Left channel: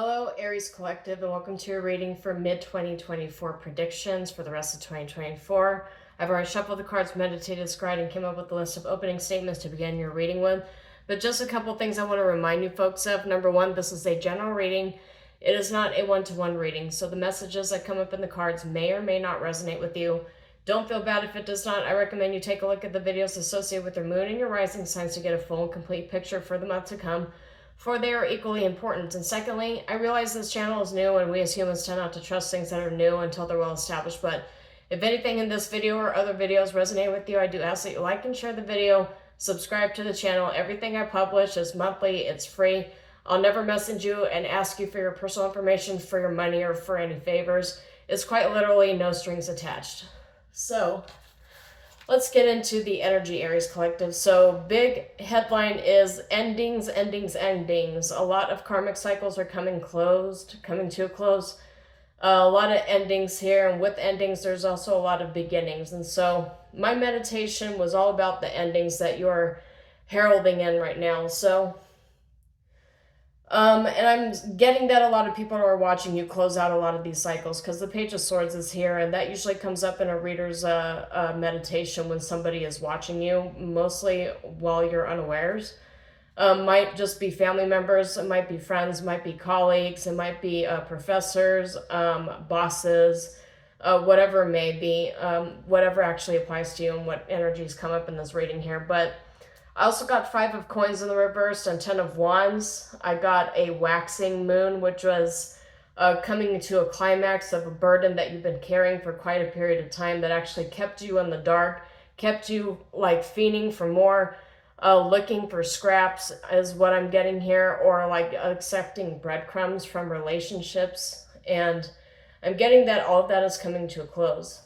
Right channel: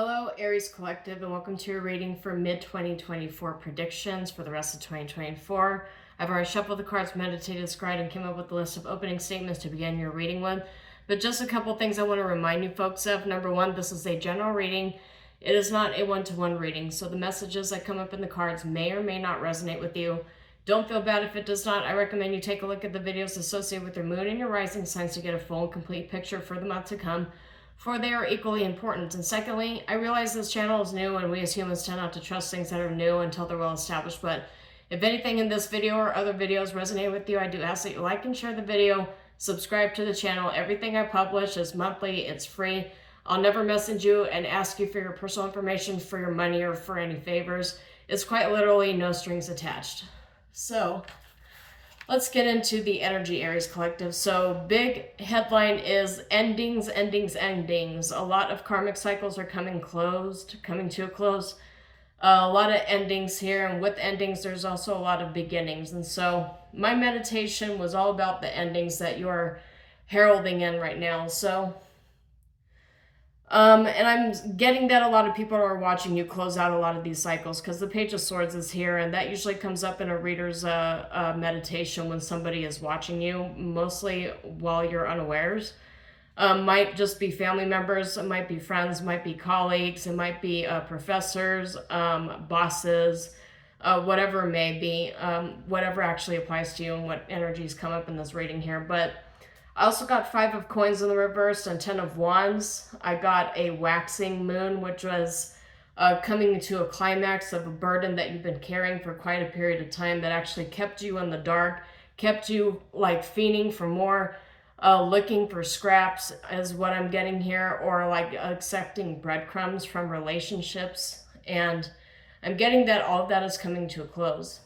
Hello, Aries Collective, and welcome to your reading for mid-2024 predictions for the rest of 2024. I've already shuffled the cards, meditated, scryed, and came up with a list of opening statements to begin your reading with. But just a couple things I want to remind you folks of. Number one, this is a general reading. It is not a one-to-one reading, so the messages that come up in the cards may or may not resonate with you. Don't feel bad if it does not. I recommend you take a look at the videos associated with your moon and your rising signs to get a full and complete picture for the month to come, for they are equally important. And secondly, I realize this channel is new and we as humans tend not to trust things that are new until they're well established, but if anything in this video or other videos resonate with you, I do ask that you like and share the video, subscribe to the channel. Everything I publish is monthly, it's free. I'll never message you and ask you for your personal information, for your money, or for any favors. It's quite literally no strings attached. So let's get into the energy, Aries Collective. So big headline is endings, endings, endings. A lot of karmic cycles are coming to a close. A lot of endings here, and with endings, there's also a lot of beginnings. And so my meditation was all about the endings that you're heralding in right now. So and I'm getting that a lot of people are watching you close out a lot of these cycles, because the Page of Swords is here, and that usually comes up in a reader's meditation when somebody is watching you, mostly while you're unawares. Might just be family members, it might be friends, might be colleagues, it might be professors, bosses, whatever it may be, whatever actually applies to you and what energies come up in this reading here. But I also got 5 of coins in the reverse and 10 of wands. I got a waxing moon, which was coming to a climax of a burden that you've been carrying for quite a period of time that actually kept you in the dark, kept you like fiending for more, looking for scraps is what I'm getting here, or like accepting breadcrumbs from relationships. And I'm getting that all of that is coming to a close.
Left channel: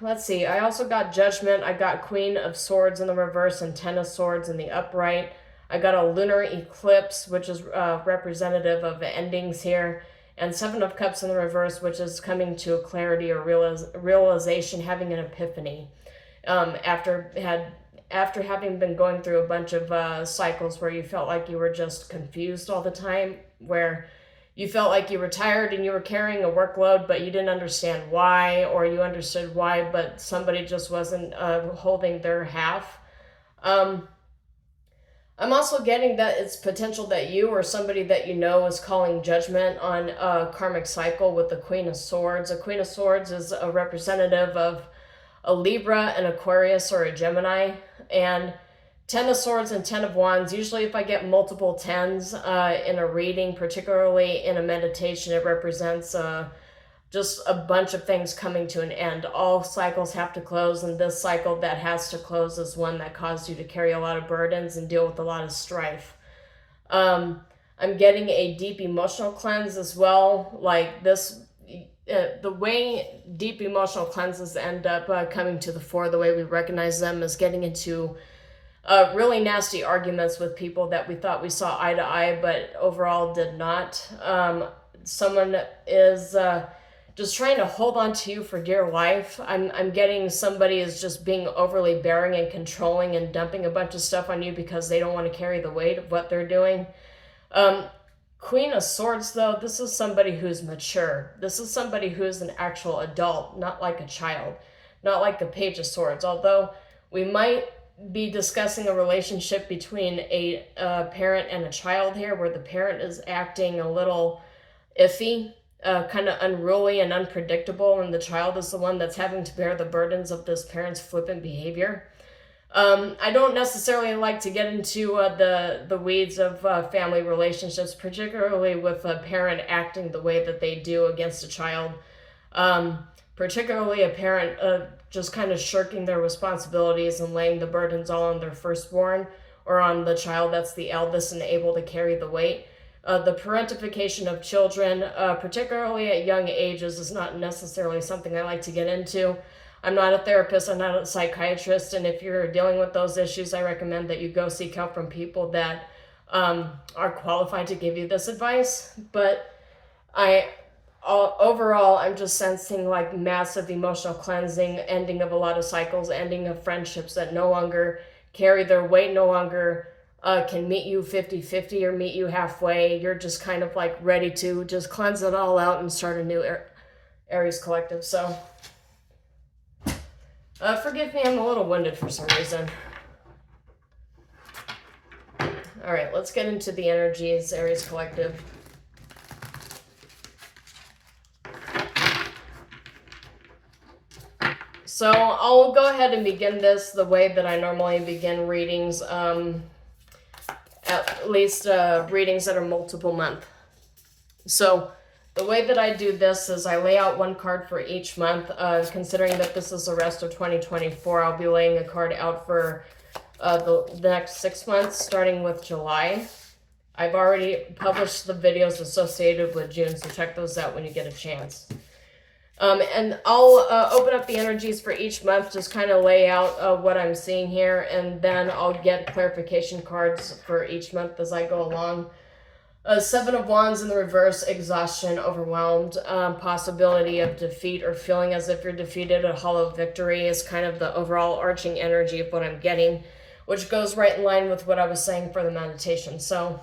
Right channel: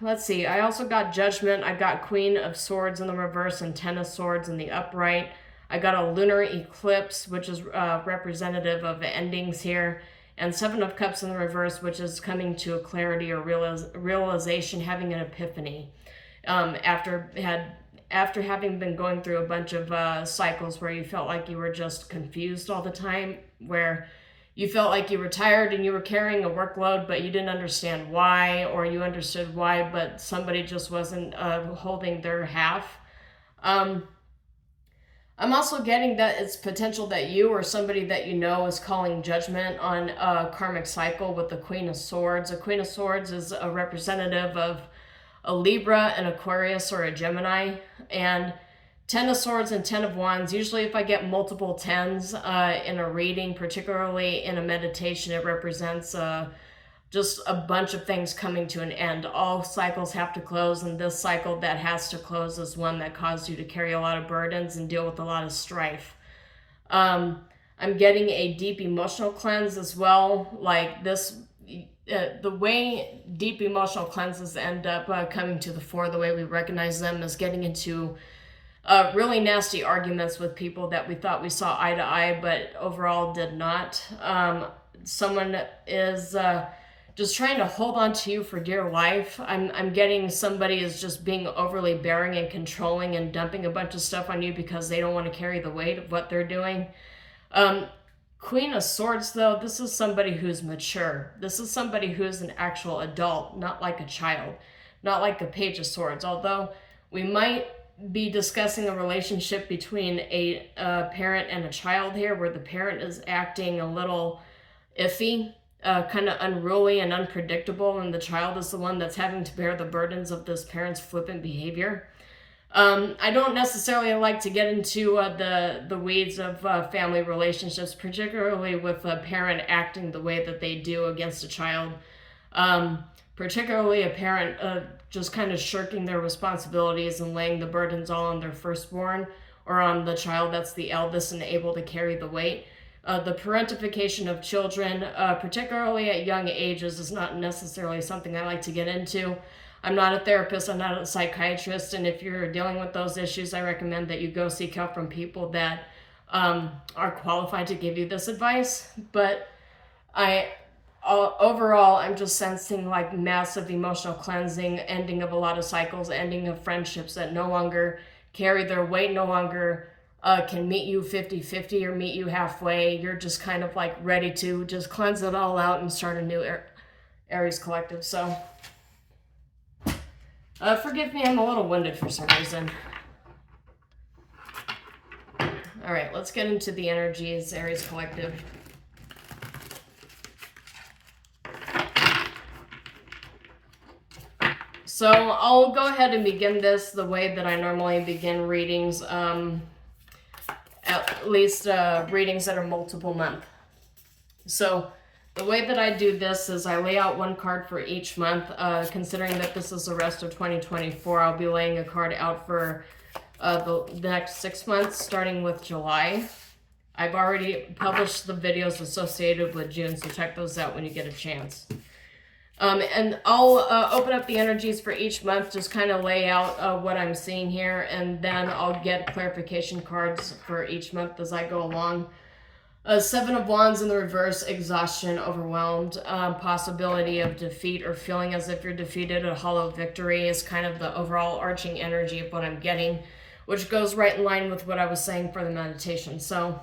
Let's see. I also got Judgment. I got Queen of Swords in the reverse and 10 of Swords in the upright. I got a lunar eclipse, which is representative of endings here, and 7 of Cups in the reverse, which is coming to a clarity or realization, having an epiphany. After having been going through a bunch of cycles where you felt like you were just confused all the time, where you felt like you were tired and you were carrying a workload, but you didn't understand why, or you understood why, but somebody just wasn't holding their half. I'm also getting that it's potential that you or somebody that you know is calling judgment on a karmic cycle with the Queen of Swords. A Queen of Swords is a representative of a Libra, an Aquarius, or a Gemini, and 10 of Swords and 10 of Wands. Usually if I get multiple 10s in a reading, particularly in a meditation, it represents just a bunch of things coming to an end. All cycles have to close, and this cycle that has to close is one that caused you to carry a lot of burdens and deal with a lot of strife. I'm getting a deep emotional cleanse as well. Like this, the way deep emotional cleanses end up coming to the fore, the way we recognize them, is getting into really nasty arguments with people that we thought we saw eye to eye, but overall did not. Someone is just trying to hold on to you for dear life. I'm getting somebody is just being overly bearing and controlling and dumping a bunch of stuff on you because they don't want to carry the weight of what they're doing. Queen of Swords, though, this is somebody who's mature. This is somebody who is an actual adult, not like a child, not like the Page of Swords. Although we might be discussing a relationship between a parent and a child here, where the parent is acting a little iffy, kind of unruly and unpredictable, and the child is the one that's having to bear the burdens of this parent's flippant behavior. I don't necessarily like to get into the weeds of family relationships, particularly with a parent acting the way that they do against a child. Particularly a parent just kind of shirking their responsibilities and laying the burdens all on their firstborn or on the child that's the eldest and able to carry the weight. The parentification of children, particularly at young ages, is not necessarily something I like to get into. I'm not a therapist, I'm not a psychiatrist, and if you're dealing with those issues, I recommend that you go seek help from people that are qualified to give you this advice. But overall, I'm just sensing like massive emotional cleansing, ending of a lot of cycles, ending of friendships that no longer carry their weight, no longer can meet you 50-50 or meet you halfway. You're just kind of like ready to just cleanse it all out and start a new Aries collective. So forgive me, I'm a little winded for some reason. All right, let's get into the energies, Aries collective. So I'll go ahead and begin this the way that I normally begin readings, at least readings that are multiple month. So the way that I do this is I lay out one card for each month. Considering that this is the rest of 2024, I'll be laying a card out for the next 6 months, starting with July. I've already published the videos associated with June, so check those out when you get a chance. And I'll open up the energies for each month, just kind of lay out what I'm seeing here, and then I'll get clarification cards for each month as I go along. Seven of Wands in the reverse, exhaustion, overwhelmed, possibility of defeat or feeling as if you're defeated, a hollow victory is kind of the overall arching energy of what I'm getting, which goes right in line with what I was saying for the meditation. So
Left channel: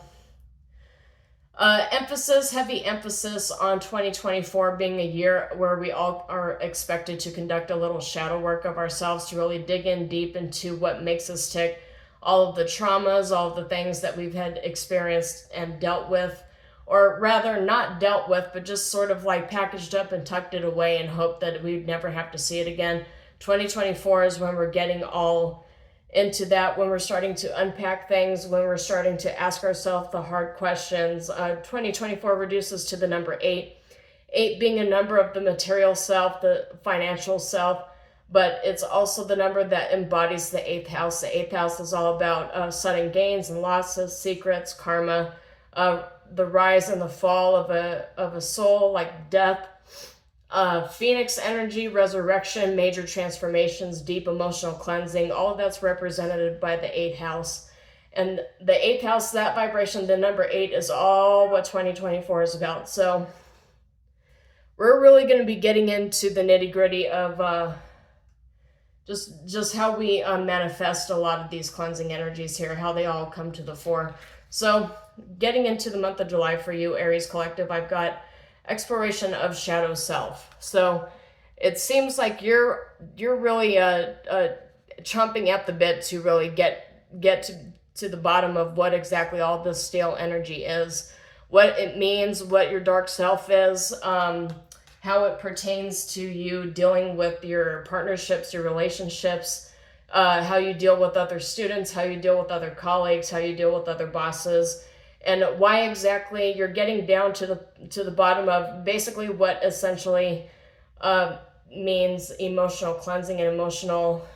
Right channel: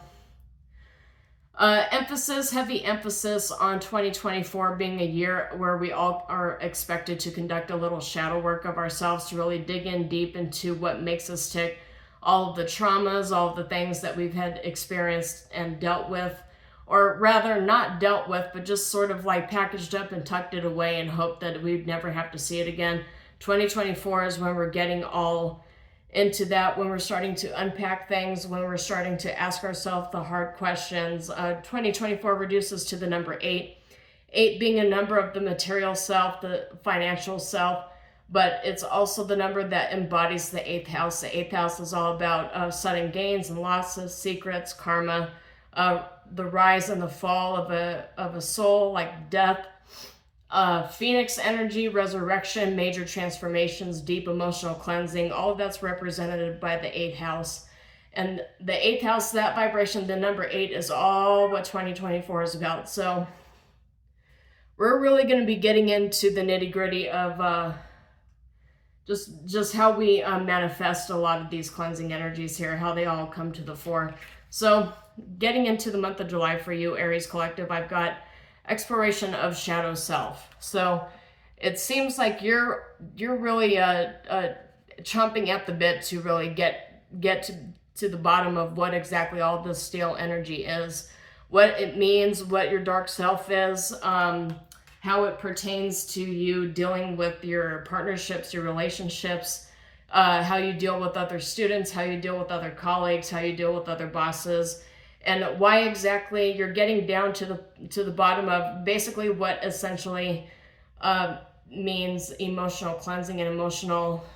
heavy emphasis on 2024 being a year where we all are expected to conduct a little shadow work of ourselves, to really dig in deep into what makes us tick, all of the traumas, all of the things that we've had experienced and dealt with, or rather not dealt with, but just sort of like packaged up and tucked it away and hoped that we'd never have to see it again. 2024 is when we're getting all into that, when we're starting to unpack things, when we're starting to ask ourselves the hard questions. 2024 reduces to the number 8. 8 being a number of the material self, the financial self, but it's also the number that embodies the 8th house. The 8th house is all about sudden gains and losses, secrets, karma, the rise and the fall of a soul, like death, Phoenix energy, resurrection, major transformations, deep emotional cleansing. All of that's represented by the 8th house. And the 8th house, that vibration, the number 8, is all what 2024 is about. So we're really going to be getting into the nitty-gritty of just how we manifest a lot of these cleansing energies here, how they all come to the fore. So getting into the month of July for you, Aries collective, I've got exploration of shadow self. So it seems like you're really chomping at the bit to really get to the bottom of what exactly all this stale energy is, what it means, what your dark self is, how it pertains to you dealing with your partnerships, your relationships, how you deal with other students, how you deal with other colleagues, how you deal with other bosses, and why exactly you're getting down to the bottom of basically what essentially means emotional cleansing and emotional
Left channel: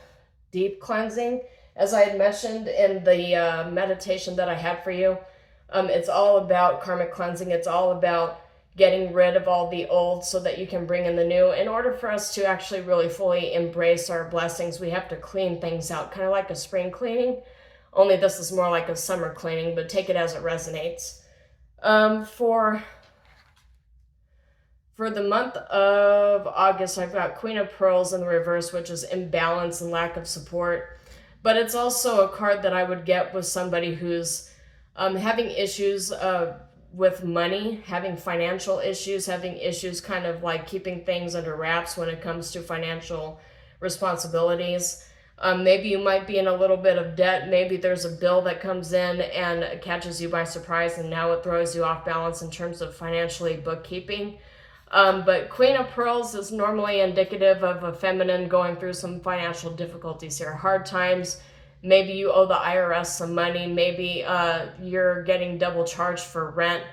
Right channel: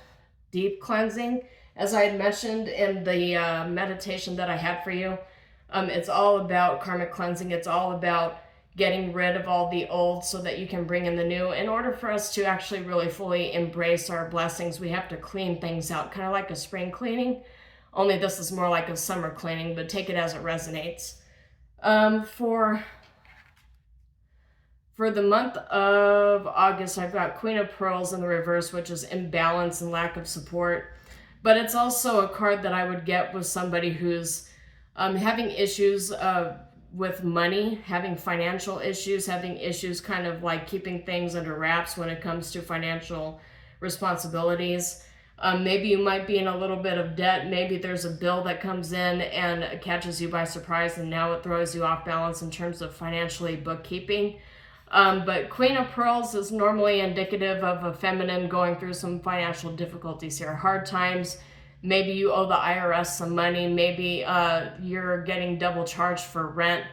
deep cleansing. As I had mentioned in the meditation that I had for you, it's all about karmic cleansing. It's all about getting rid of all the old so that you can bring in the new. In order for us to actually really fully embrace our blessings, we have to clean things out, kind of like a spring cleaning. Only this is more like a summer cleaning, but take it as it resonates. For the month of August, I've got Queen of Pearls in the reverse, which is imbalance and lack of support. But it's also a card that I would get with somebody who's having issues with money, having financial issues, having issues kind of like keeping things under wraps when it comes to financial responsibilities. Maybe you might be in a little bit of debt. Maybe there's a bill that comes in and catches you by surprise, and now it throws you off balance in terms of financially bookkeeping. But Queen of Pearls is normally indicative of a feminine going through some financial difficulties here, hard times. Maybe you owe the IRS some money. Maybe you're getting double charged for rent.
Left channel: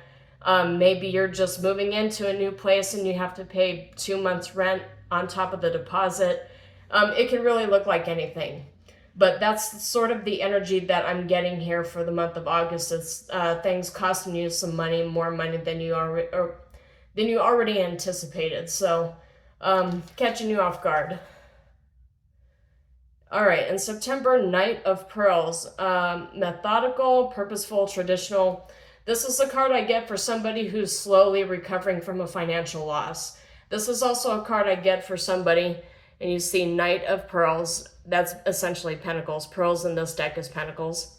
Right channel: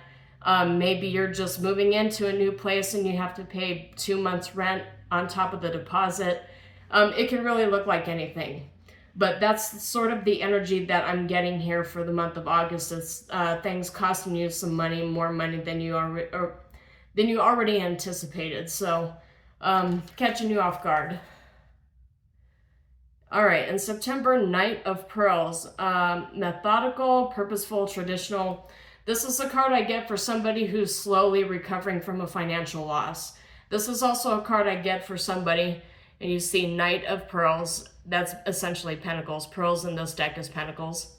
Maybe you're just moving into a new place and you have to pay 2 months rent on top of the deposit. It can really look like anything, but that's sort of the energy that I'm getting here for the month of August. It's things costing you some money, more money than you already anticipated. So catching you off guard. All right, in September, Knight of Pearls, methodical, purposeful, traditional. This is a card I get for somebody who's slowly recovering from a financial loss. This is also a card I get for somebody, and you see Knight of Pearls, that's essentially Pentacles. Pearls in this deck is Pentacles.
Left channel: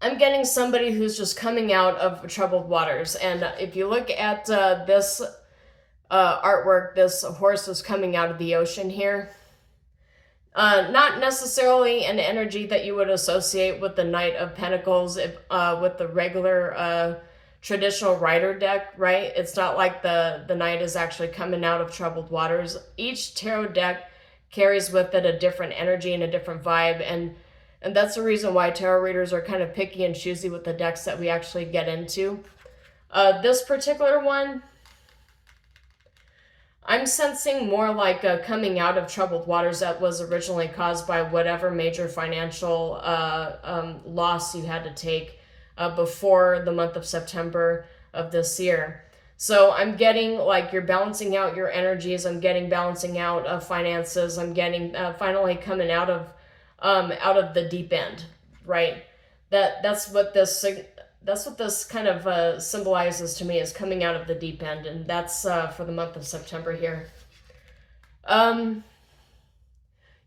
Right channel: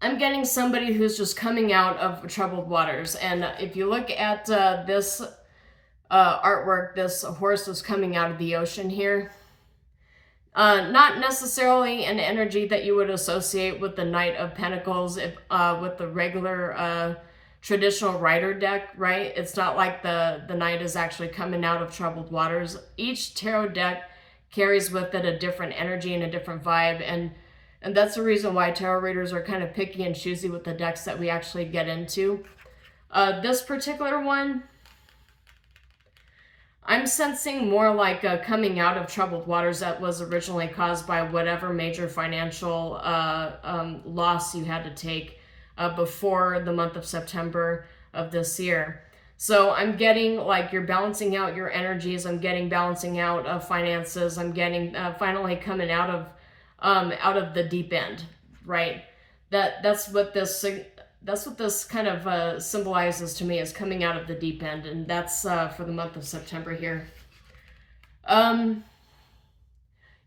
I'm getting somebody who's just coming out of troubled waters. And if you look at this artwork, this horse is coming out of the ocean here. Not necessarily an energy that you would associate with the Knight of Pentacles, with the regular traditional rider deck, right? It's not like the Knight is actually coming out of troubled waters. Each tarot deck carries with it a different energy and a different vibe, and that's the reason why tarot readers are kind of picky and choosy with the decks that we actually get into. This particular one, I'm sensing more like a coming out of troubled waters that was originally caused by whatever major financial loss you had to take before the month of September of this year. So I'm getting like you're balancing out your energies. I'm getting balancing out finances. I'm getting finally coming out of the deep end, right? That's what this kind of symbolizes to me, is coming out of the deep end, and that's for the month of September here.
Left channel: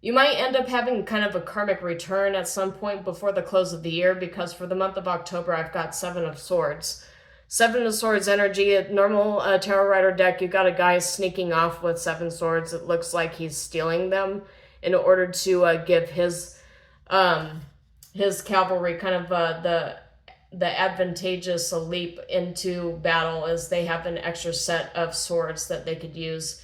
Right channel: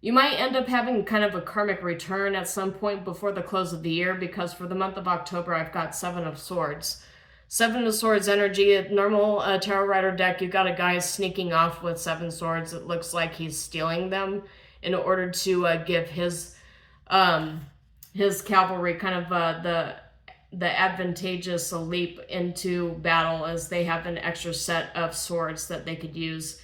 You might end up having kind of a karmic return at some point before the close of the year, because for the month of October, I've got Seven of Swords. Seven of Swords energy, a normal tarot rider deck, you got a guy sneaking off with seven swords. It looks like he's stealing them in order to give his cavalry kind of the advantageous leap into battle, as they have an extra set of swords that they could use.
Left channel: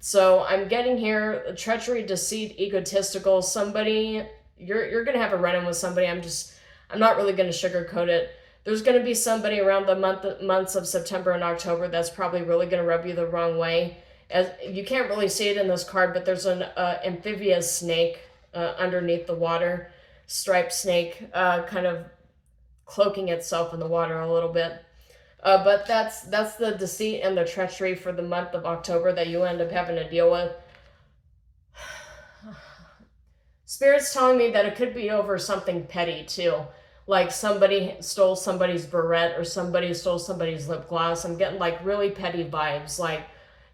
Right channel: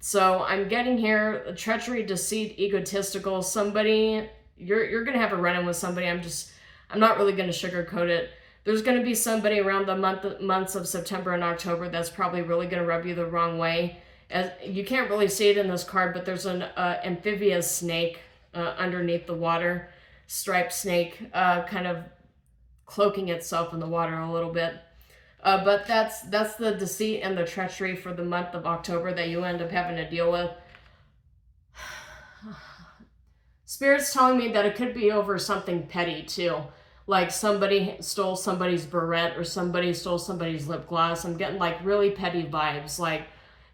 So I'm getting here treachery, deceit, egotistical. Somebody, you're gonna have a run-in with somebody. I'm not really gonna sugarcoat it. There's gonna be somebody around the months of September and October that's probably really gonna rub you the wrong way. As you can't really see it in this card, but there's an amphibious snake underneath the water, striped snake, kind of cloaking itself in the water a little bit. But that's the deceit and the treachery for the month of October that you end up having to deal with. Spirit's telling me that it could be over something petty too. Like somebody stole somebody's barrette, or somebody stole somebody's lip gloss. I'm getting like really petty vibes. Like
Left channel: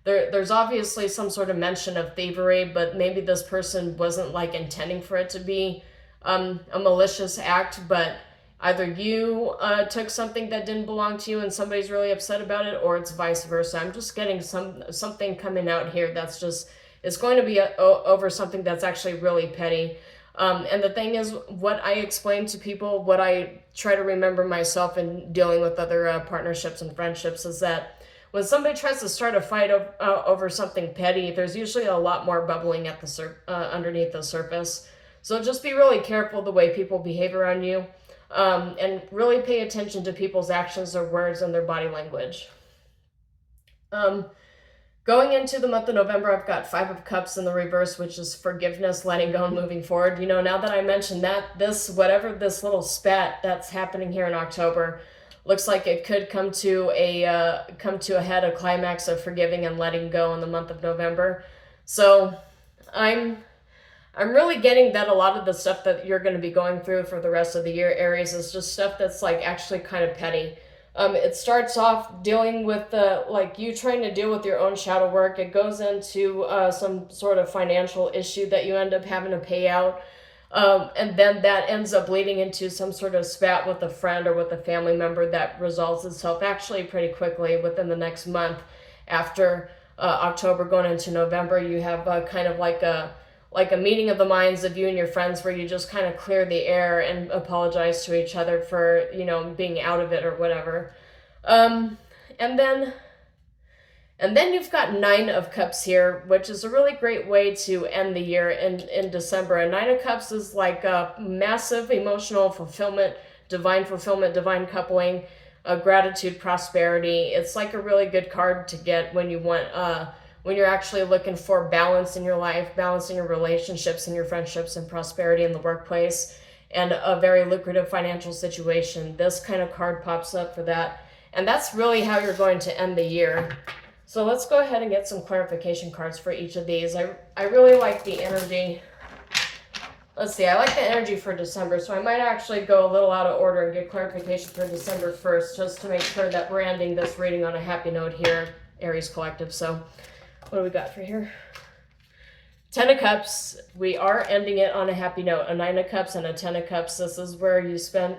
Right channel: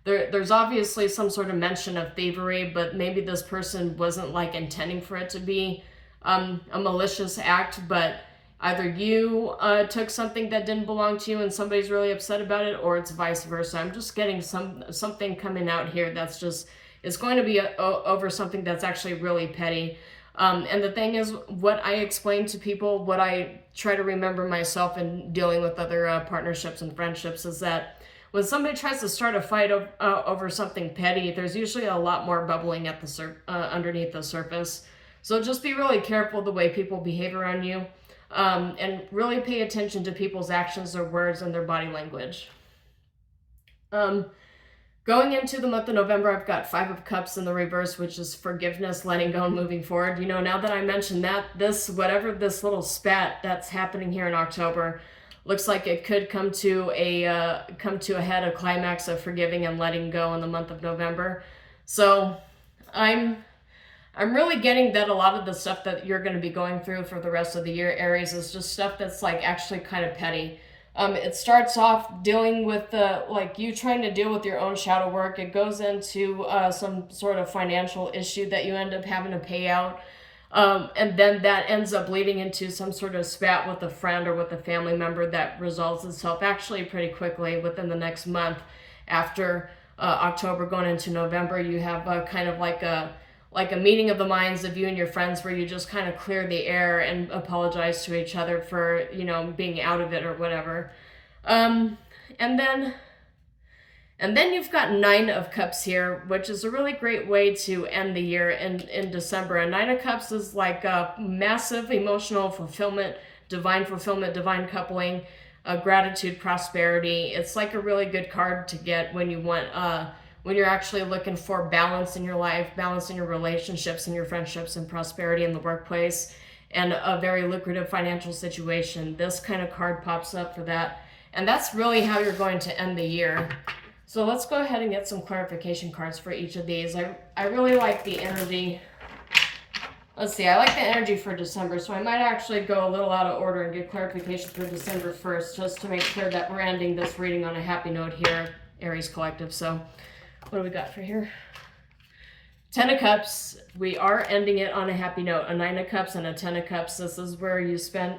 there's obviously some sort of mention of thievery, but maybe this person wasn't like intending for it to be a malicious act, but either you took something that didn't belong to you and somebody's really upset about it, or it's vice versa. I'm just getting something coming out here that's just, it's going to be over something that's actually really petty. And the thing is, what I explain to people, what I try to remember myself in dealing with other partnerships and friendships, is that when somebody tries to start a fight over something petty, there's usually a lot more bubbling at the underneath the surface. So just be really careful the way people behave around you. And really pay attention to people's actions, their words, and their body language. Going into the month of November, I've got Five of Cups in the reverse, which is forgiveness, letting go, and moving forward. You know, now that I mentioned that, whatever this little spat that's happening here in October, looks like it could come to a head, a climax of forgiving and letting go in the month of November. So I'm really getting that a lot of the stuff that you're going to be going through for the rest of the year, Aries, is just stuff that's like actually kind of petty. It starts off dealing with like you trying to deal with your own shadow work. It goes into some sort of financial issue that you end up having to pay out. And then that ends up leading into some sort of spat with a friend or with a family member that resolves itself actually pretty quickly within the next month. After October going into November, you have kind of like a meeting of the minds of you and your friends, where you just kind of clear the air and apologize to each other for, you know, being out of it or whatever. And then you've got Nine of Cups here, which is a really great way to end the year in December. A Nine of Cups is like a massive emotional fulfillment, divine coupling, gratitude, prosperity. It's like a really good card to get when you want when you're actually looking for balance in your life, balance in your relationships and your friendships, and prosperity in the workplace, and a very lucrative financial situation. This kind of card pops up for that. And that's really how you're going to end the year. So let's go ahead and get some clarification cards for each of these. I really like the energy. Let's see, I like the energy for December, so I might actually go a little out of order and get clarification for December first, just to make sure that we're ending this reading on a happy note here, Aries Collective. So what do we got for here? Ten of Cups, we are ending it on a happy note. A Nine of Cups and a Ten of Cups. This is where you spend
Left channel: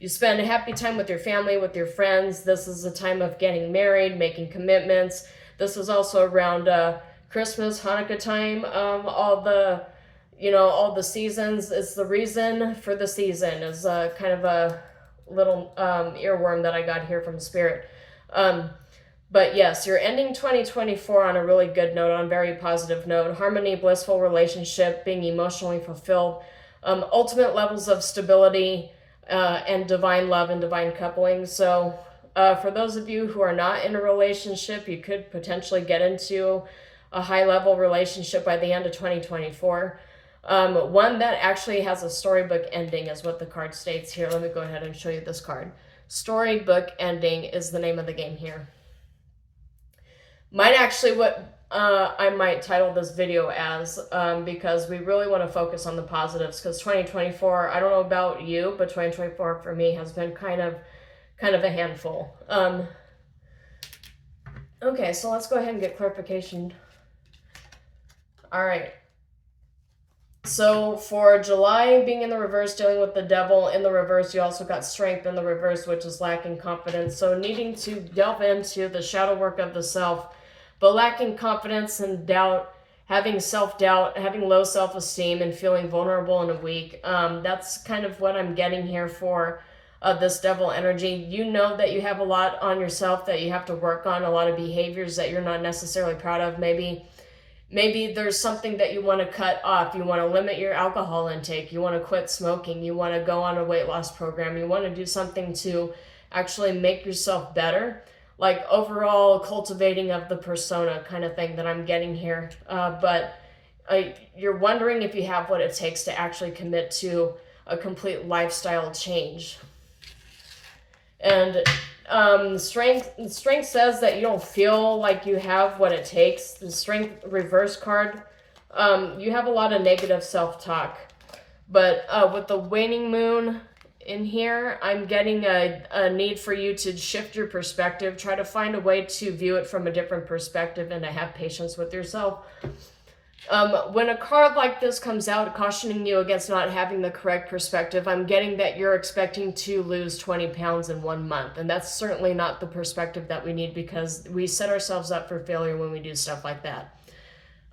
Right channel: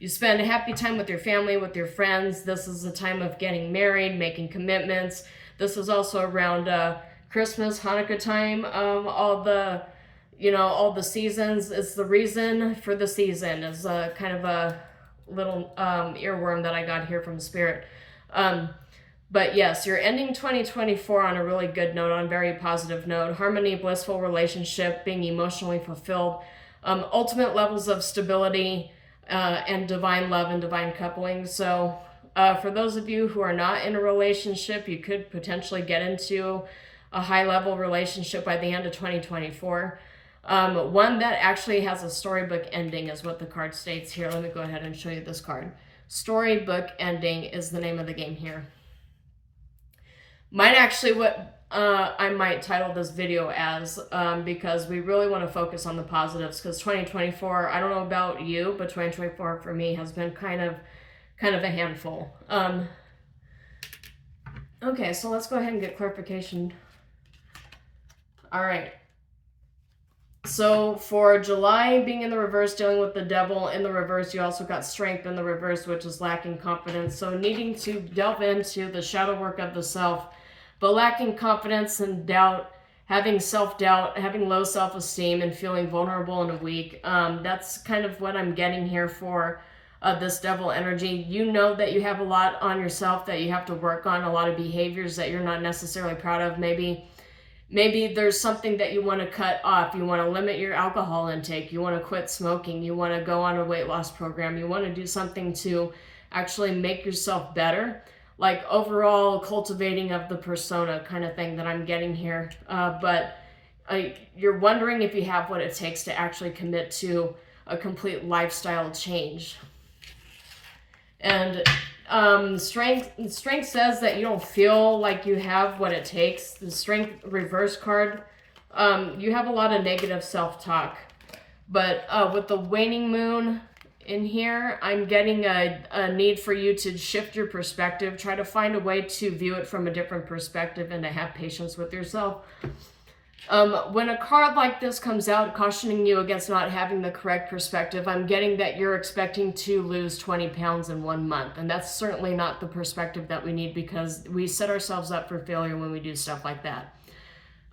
a happy time with your family, with your friends. This is a time of getting married, making commitments. This is also around Christmas, Hanukkah time. All the seasons. It's the reason for the season. Is kind of a little earworm that I got here from Spirit. But yes, you're ending 2024 on a really good note, on a very positive note. Harmony, blissful relationship, being emotionally fulfilled, ultimate levels of stability, and divine love and divine coupling. So for those of you who are not in a relationship, you could potentially get into a high-level relationship by the end of 2024. One that actually has a storybook ending is what the card states here. Let me go ahead and show you this card. Storybook ending is the name of the game here. Might actually what I might title this video as, because we really want to focus on the positives, because 2024, I don't know about you, but 2024 for me has been kind of a handful. Okay, so let's go ahead and get clarification. All right. So for July being in the reverse, dealing with the devil in the reverse, you also got strength in the reverse, which is lacking confidence. So needing to delve into the shadow work of the self, but lacking confidence and doubt, having self-doubt, having low self-esteem, and feeling vulnerable and weak. That's kind of what I'm getting here for this devil energy. You know that you have a lot on yourself that you have to work on, a lot of behaviors that you're not necessarily proud of. Maybe there's something that you want to cut off. You want to limit your alcohol intake. You want to quit smoking. You want to go on a weight loss program. You want to do something to actually make yourself better. Like overall cultivating of the persona kind of thing that I'm getting here. But you're wondering if you have what it takes to actually commit to a complete lifestyle change. And strength says that you don't feel like you have what it takes. The strength reverse card, you have a lot of negative self-talk. But with the waning moon in here, I'm getting a need for you to shift your perspective, try to find a way to view it from a different perspective, and to have patience with yourself. When a card like this comes out cautioning you against not having the correct perspective, I'm getting that you're expecting to lose 20 pounds in 1 month. And that's certainly not the perspective that we need, because we set ourselves up for failure when we do stuff like that.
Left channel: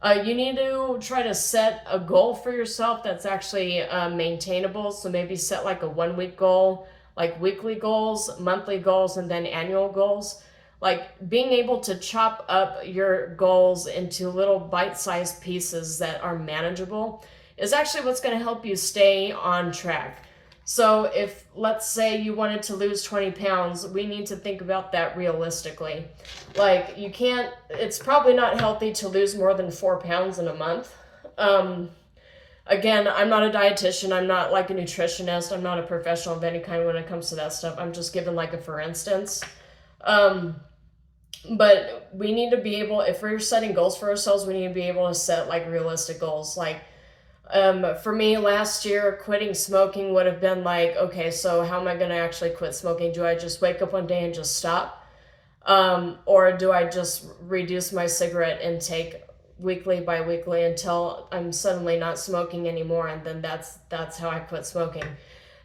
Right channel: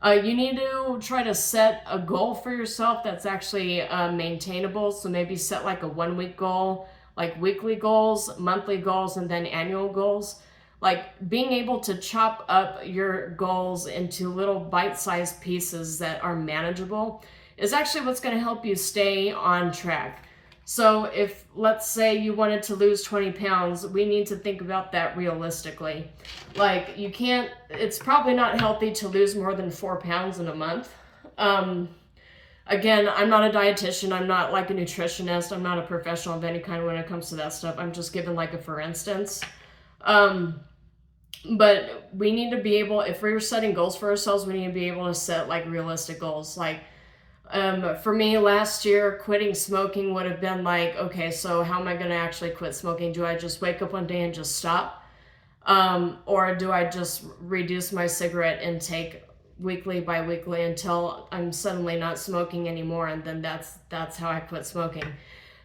You need to try to set a goal for yourself that's actually maintainable. So maybe set like a 1 week goal, like weekly goals, monthly goals, and then annual goals. Like being able to chop up your goals into little bite-sized pieces that are manageable is actually what's going to help you stay on track. So if, let's say you wanted to lose 20 pounds, we need to think about that realistically. Like it's probably not healthy to lose more than 4 pounds in a month. Again, I'm not a dietitian. I'm not like a nutritionist. I'm not a professional of any kind when it comes to that stuff. I'm just giving like a for instance. But we need to be able, if we're setting goals for ourselves, we need to be able to set like realistic goals. Like, for me last year, quitting smoking would have been like, okay, so how am I going to actually quit smoking? Do I just wake up one day and just stop? Or do I just reduce my cigarette intake weekly by weekly until I'm suddenly not smoking anymore? And then that's how I quit smoking.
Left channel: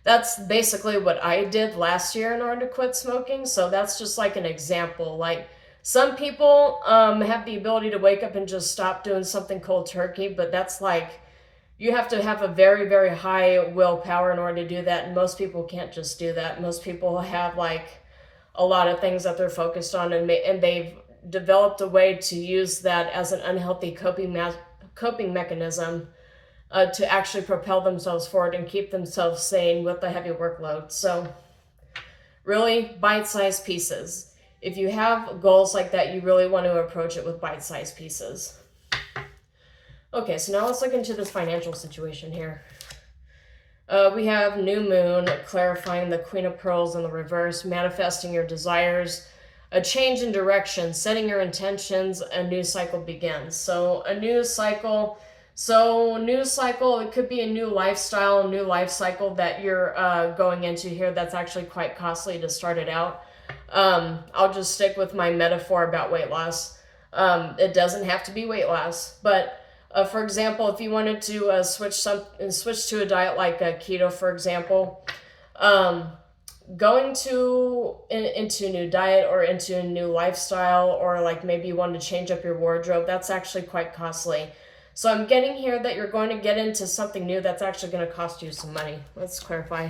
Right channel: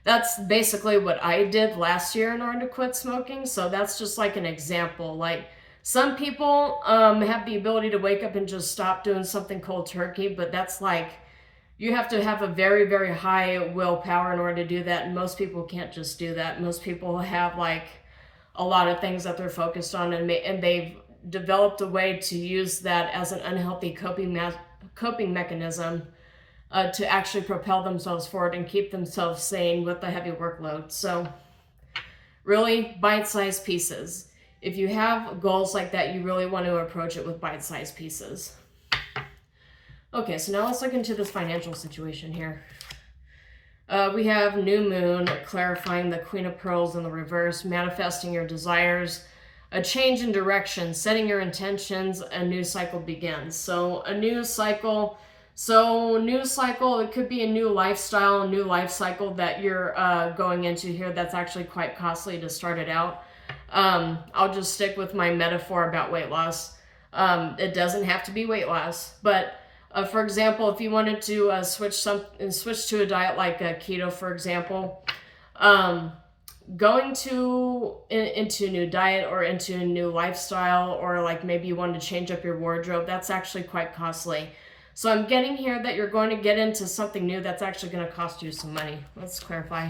That's basically what I did last year in order to quit smoking. So that's just like an example. Like some people have the ability to wake up and just stop doing something cold turkey, but that's like, you have to have a very, very high willpower in order to do that. And most people can't just do that. Most people have like a lot of things that they're focused on, and they've developed a way to use that as an unhealthy coping mechanism to actually propel themselves forward and keep themselves sane with the heavy workload. So really bite-sized pieces. If you have goals like that, you really want to approach it with bite-sized pieces. Okay, so now let's look into this financial situation here. We have new moon, clarifying the Queen of Pearls in the reverse, manifesting your desires, a change in direction, setting your intentions, a new cycle begins. So a new cycle, it could be a new lifestyle, a new life cycle that you're going into here that's actually quite costly to start it out. I'll just stick with my metaphor about weight loss. It doesn't have to be weight loss, but For example, if you wanted to switch to a diet like keto, for example, going into a new diet or into a new lifestyle, or like maybe you want to change up your wardrobe, that's actually quite costly. So I'm getting here that you're going to get into something new that's actually going to cost you some money. Let's clarify.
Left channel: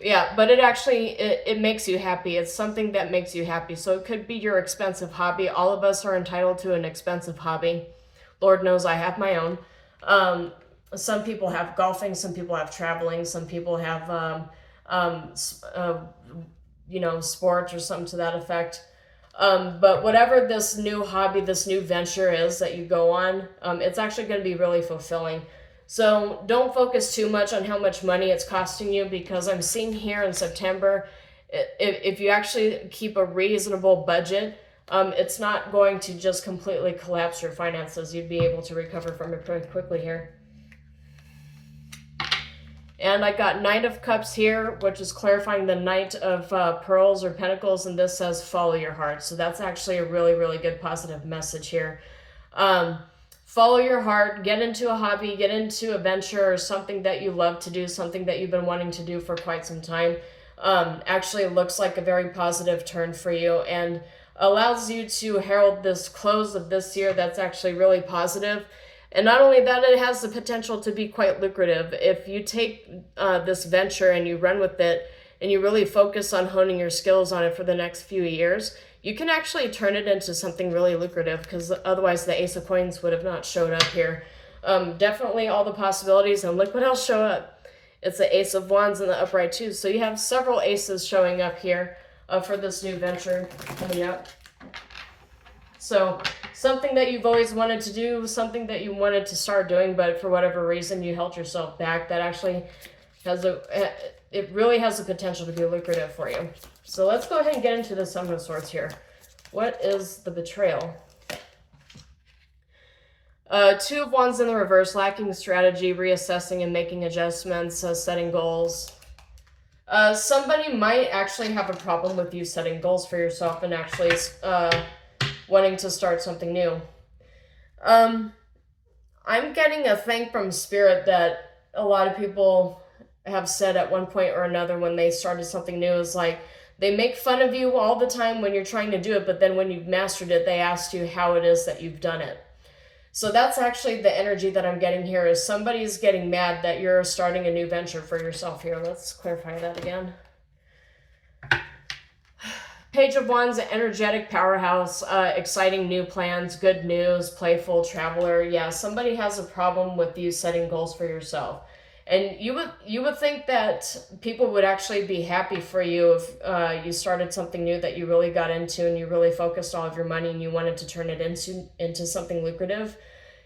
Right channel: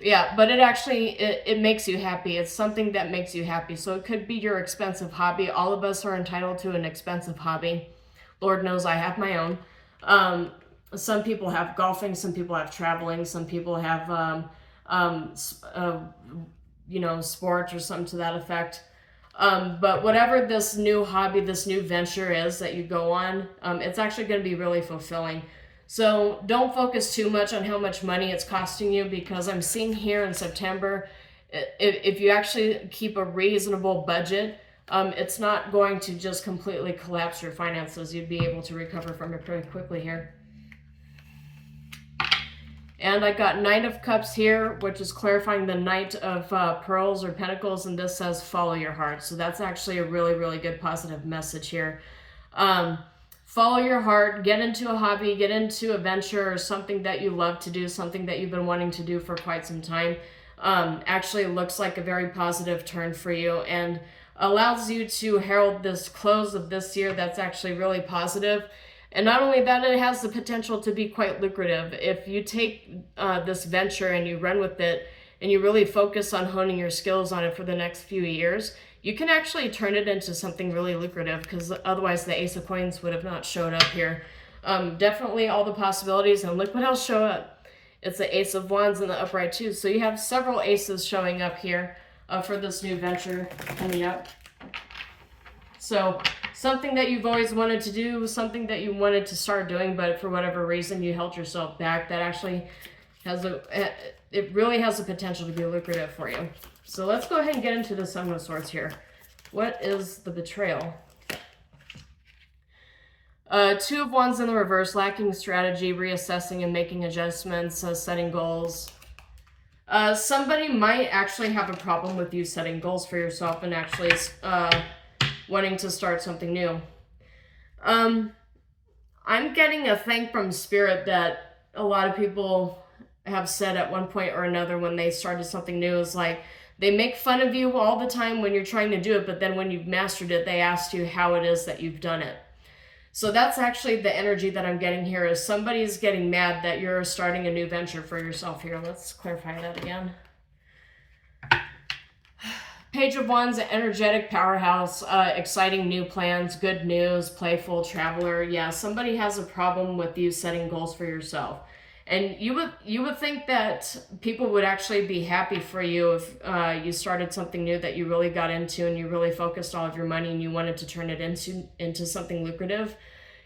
Yeah, but it makes you happy. It's something that makes you happy. So it could be your expensive hobby. All of us are entitled to an expensive hobby. Lord knows I have my own. Some people have golfing, some people have traveling, some people have sports or something to that effect. But whatever this new hobby, this new venture is that you go on, it's actually going to be really fulfilling. So don't focus too much on how much money it's costing you, because I'm seeing here in September, if you actually keep a reasonable budget, it's not going to just completely collapse your finances. You'd be able to recover from it pretty quickly here. And I got Knight of Cups here, which is clarifying the Knight of Pearls or Pentacles, and this says follow your heart. So that's actually a really, really good positive message here. Follow your heart, get into a hobby, get into a venture or something that you love to do, something that you've been wanting to do for quite some time. Actually looks like a very positive turn for you and allows you to herald this close of this year that's actually really positive. And not only that, it has the potential to be quite lucrative. If you take this venture and you run with it and you really focus on honing your skills on it for the next few years, you can actually turn it into something really lucrative, because otherwise the Ace of Coins would have not showed up here. Definitely all the possibilities, and look what else showed up. It's the Ace of Wands in the upright too. So you have several aces showing up here for this new venture coming up. So something that you've always wanted to do, something that you wanted to start doing, but for whatever reason you held yourself back, that actually it really has the potential to be lucrative for you. So let's go ahead and get into the Seven of Swords here. What is the betrayal? Two of Wands in the reverse, lacking strategy, reassessing and making adjustments, setting goals. Somebody might actually have a problem with you setting goals for yourself and actually wanting to start something new. I'm getting a thing from Spirit that a lot of people have said at one point or another when they started something new is like, they make fun of you all the time when you're trying to do it, but then when you've mastered it, they ask you how it is that you've done it. So that's actually the energy that I'm getting here, is somebody's getting mad that you're starting a new venture for yourself here. Let's clarify that again. Page of Wands, energetic powerhouse, exciting new plans, good news, playful traveler. Yeah, somebody has a problem with you setting goals for yourself. And you would think that people would actually be happy for you if you started something new that you really got into and you really focused all of your money and you wanted to turn it into something lucrative.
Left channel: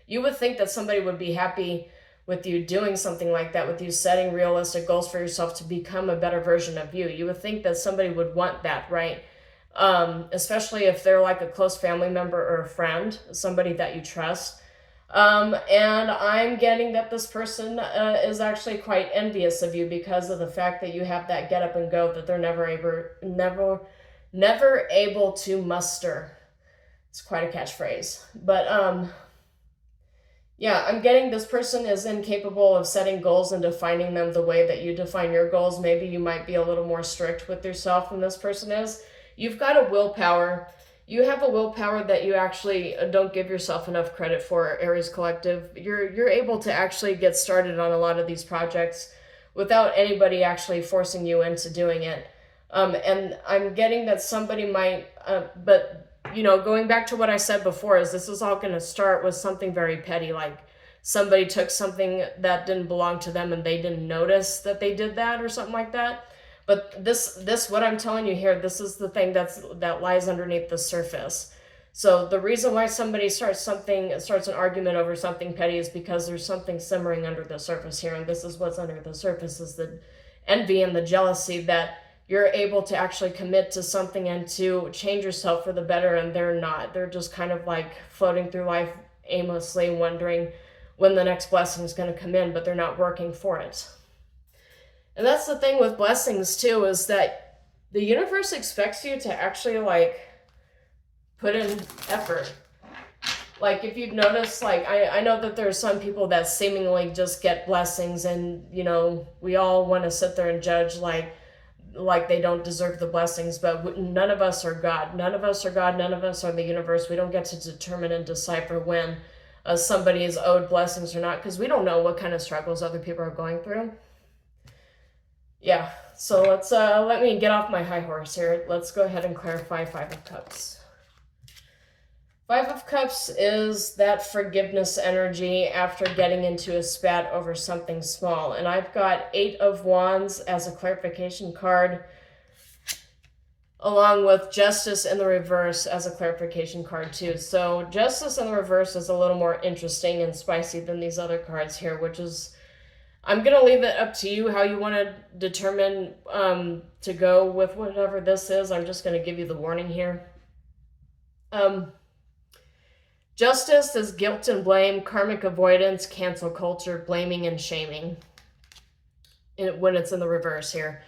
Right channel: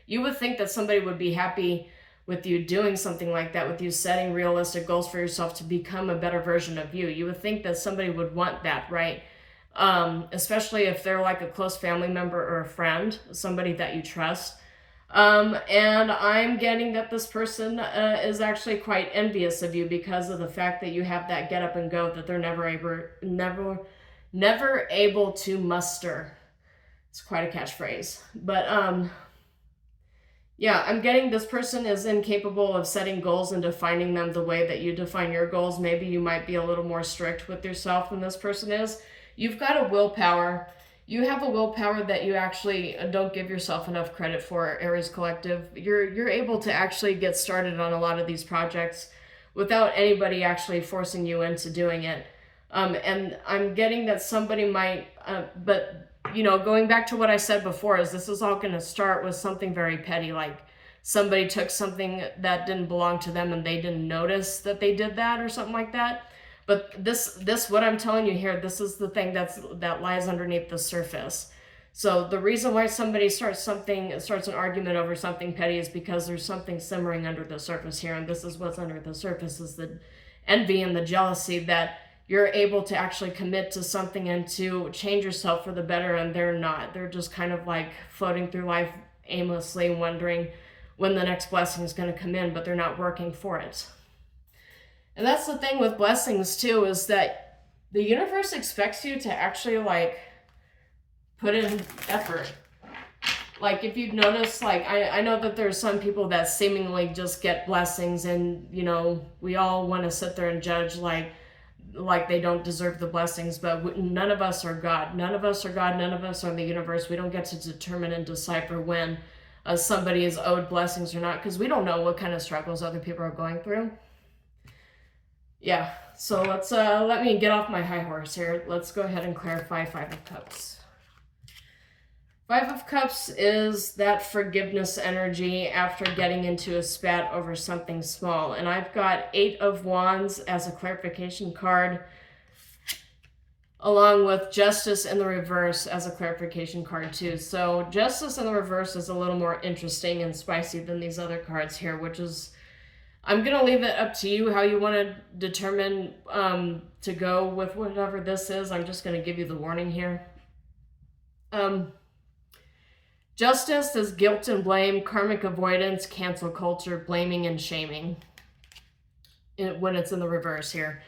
You would think that somebody would be happy with you doing something like that, with you setting realistic goals for yourself to become a better version of you. You would think that somebody would want that, right? Especially if they're like a close family member or a friend, somebody that you trust. And I'm getting that this person is actually quite envious of you because of the fact that you have that get up and go that they're never able to muster. It's quite a catchphrase. But yeah, I'm getting this person is incapable of setting goals and defining them the way that you define your goals. Maybe you might be a little more strict with yourself than this person is. You've got a willpower. You have a willpower that you actually don't give yourself enough credit for, Aries Collective. You're able to actually get started on a lot of these projects without anybody actually forcing you into doing it. And I'm getting that somebody might, but you know, going back to what I said before, is this is all going to start with something very petty, like somebody took something that didn't belong to them and they didn't notice that they did that or something like that. But this what I'm telling you here, this is the thing that lies underneath the surface. So the reason why somebody starts an argument over something petty is because there's something simmering under the surface here, and this is what's under the surface, is the envy and the jealousy that you're able to actually commit to something and to change yourself for the better, and they're not. They're just kind of like floating through life aimlessly, wondering when the next blessing is going to come in, but they're not working for it. And that's the thing with blessings too, is that the universe expects you to actually like put in effort. Like if you've noticed, like I know that there's some people that seemingly just get blessings, and you know, we all want to sit there and judge like they don't deserve the blessings, but none of us are God. None of us are God. None of us are the universe. We don't get to determine and decipher when somebody is owed blessings or not, because we don't know what kind of struggles other people are going through. Yeah, so let's let me get off my high horse here. Let's go ahead and clarify Five of Cups. Five of Cups is that forgiveness energy after getting into a spat over something small. And I've got Eight of Wands as a clarification card, along with Justice in the reverse as a clarification card too. So Justice in the reverse is a little more interesting and spicy than these other cards here, which is, I'm going to leave it up to you how you want to determine to go with whatever this is. I'm just going to give you the warning here. Justice is guilt and blame, karmic avoidance, cancel culture, blaming and shaming when it's in the reverse here.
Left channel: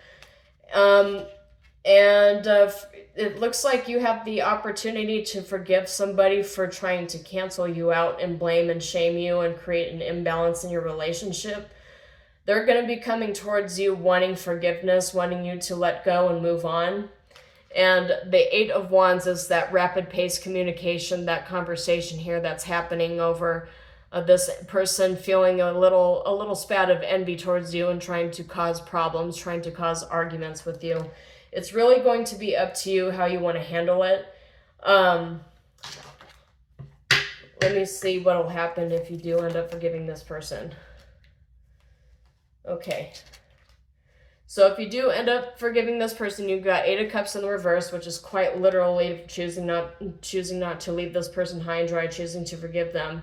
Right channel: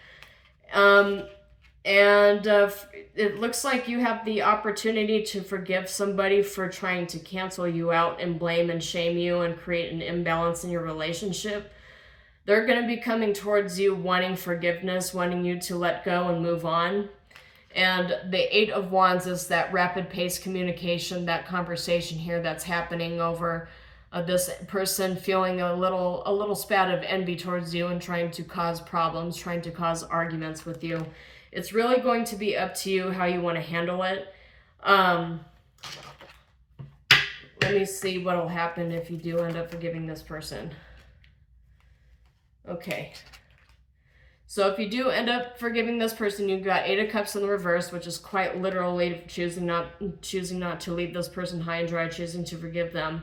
It looks like you have the opportunity to forgive somebody for trying to cancel you out and blame and shame you and create an imbalance in your relationship. They're going to be coming towards you wanting forgiveness, wanting you to let go and move on. And the Eight of Wands is that rapid pace communication, that conversation here that's happening over this person feeling a little spat of envy towards you and trying to cause problems, trying to cause arguments with you. It's really going to be up to you how you want to handle it. Let me see what will happen if you do end up forgiving this person. Okay. So if you do end up forgiving this person, you've got Eight of Cups in the reverse, which is quite literally choosing not to leave this person high and dry, choosing to forgive them.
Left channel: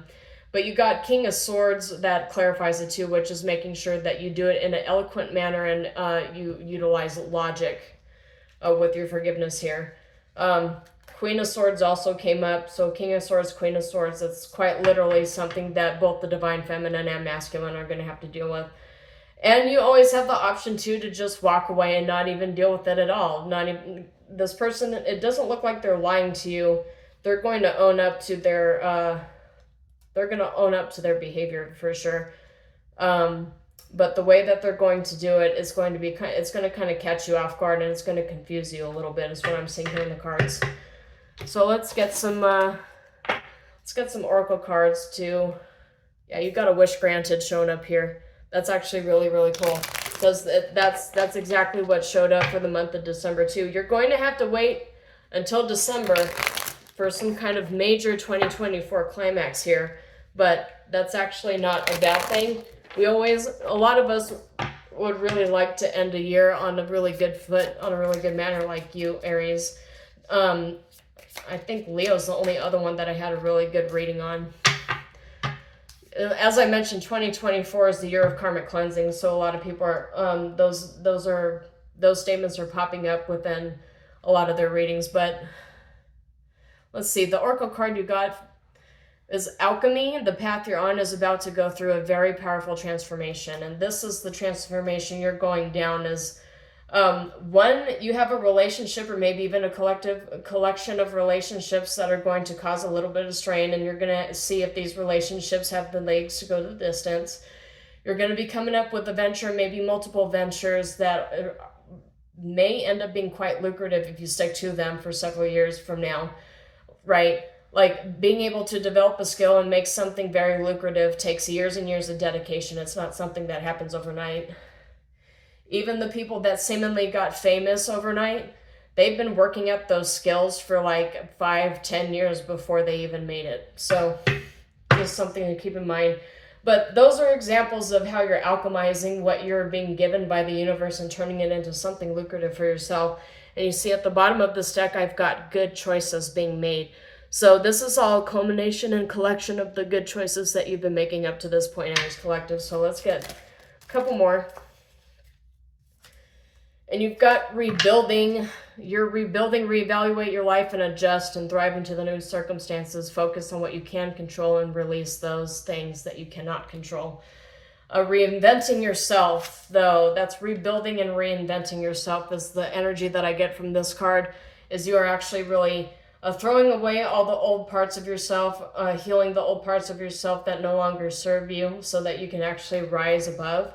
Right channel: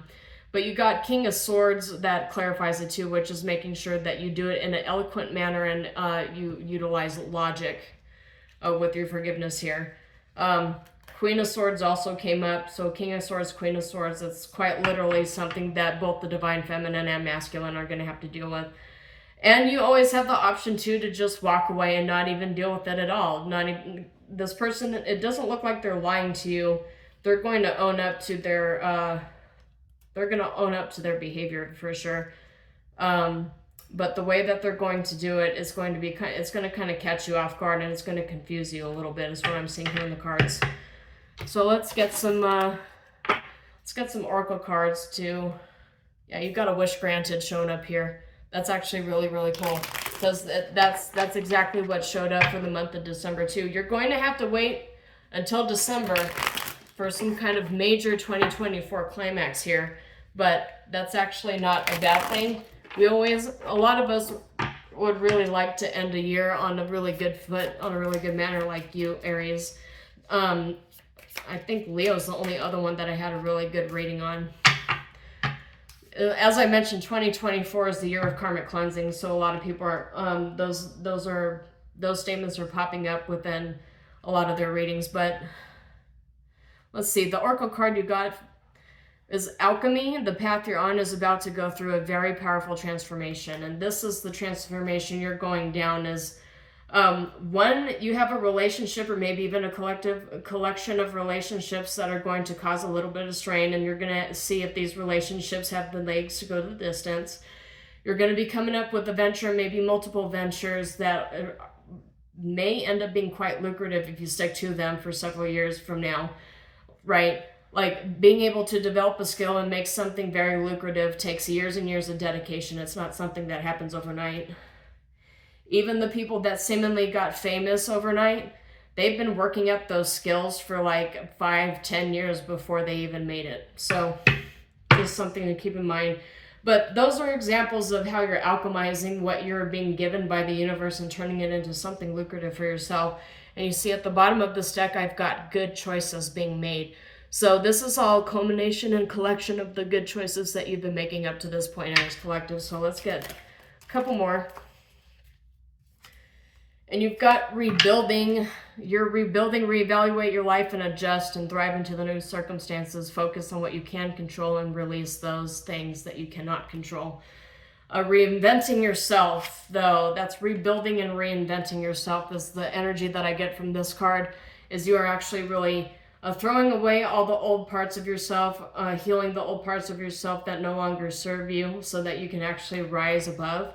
But you got King of Swords that clarifies it too, which is making sure that you do it in an eloquent manner and you utilize logic with your forgiveness here. Queen of Swords also came up. So King of Swords, Queen of Swords, it's quite literally something that both the divine feminine and masculine are going to have to deal with. And you always have the option too to just walk away and not even deal with it at all. Not even this person. It doesn't look like they're lying to you. They're going to own up to their. They're going to own up to their behavior for sure. But the way that they're going to do it is going to be. It's going to kind of catch you off guard and it's going to confuse you a little bit. Is what I'm seeing here in the cards. So let's get some. Let's get some oracle cards too. Yeah, you've got a wish granted showing up here. That's actually really, really cool, because that's exactly what showed up for the month of December too. You're going to have to wait until December for some kind of major 2024 climax here, but that's actually not a bad thing. A lot of us would really like to end a year on a really good foot, on a really good manner, like you, Aries. I think Leo's the only other one that I had a really good reading on. As I mentioned, 2024 is the year of karmic cleansing, so a lot of people are those statements are popping up within a lot of their readings. But let's see, the oracle card you got is Alchemy. The path you're on is about to go through a very powerful transformation, and this is the transformation you're going down. Is one, you have a relationship or maybe even a collection of relationships that are going to cause a little bit of strain, and you're going to see if these relationships have the legs to go to the distance. You're going to be coming up with a venture, maybe multiple ventures that may end up being quite lucrative if you stick to them for several years from now, right? Like being able to develop a skill and make something very lucrative takes years and years of dedication. It's not something that happens overnight. Even the people that seemingly got famous overnight, they've been working up those skills for like 5-10 years before they even made it. So just something to keep in mind. But those are examples of how you're alchemizing what you're being given by the universe and turning it into something lucrative for yourself. And you see at the bottom of this deck, I've got good choices being made. So this is all culmination and collection of the good choices that you've been making up to this point, Aries Collective. So let's get a couple more. And you've got rebuilding. You're rebuilding, reevaluate your life, and adjust and thrive into the new circumstances. Focus on what you can control and release those things that you cannot control. Reinventing yourself, though, that's rebuilding and reinventing yourself is the energy that I get from this card, is you are actually really throwing away all the old parts of yourself, healing the old parts of yourself that no longer serve you so that you can actually rise above.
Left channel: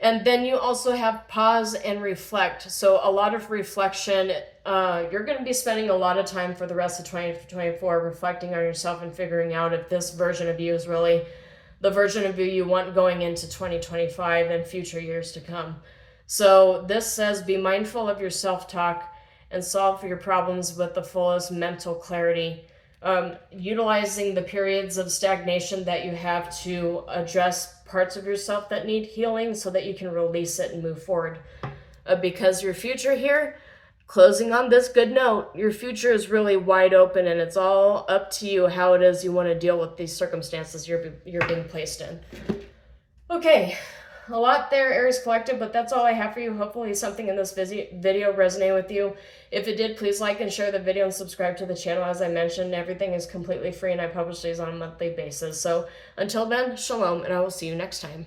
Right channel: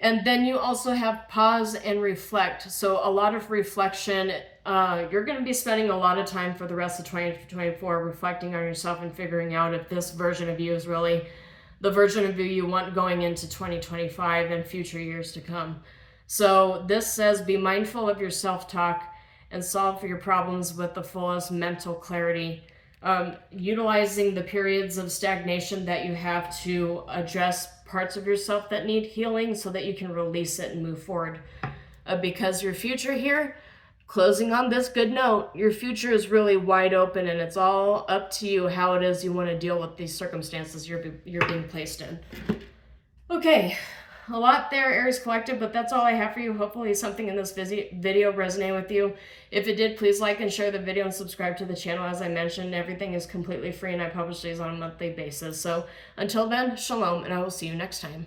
And then you also have pause and reflect. So a lot of reflection. You're going to be spending a lot of time for the rest of 2024 reflecting on yourself and figuring out if this version of you is really the version of you want going into 2025 and future years to come. So this says be mindful of your self-talk and solve your problems with the fullest mental clarity. Utilizing the periods of stagnation that you have to address parts of yourself that need healing so that you can release it and move forward. Because your future here, closing on this good note, your future is really wide open, and it's all up to you how it is you want to deal with these circumstances you're being placed in. Okay, a lot there, Aries Collective, but that's all I have for you. Hopefully something in this video resonated with you. If it did, please like and share the video and subscribe to the channel. As I mentioned, everything is completely free, and I publish these on a monthly basis. So until then, shalom, and I will see you next time.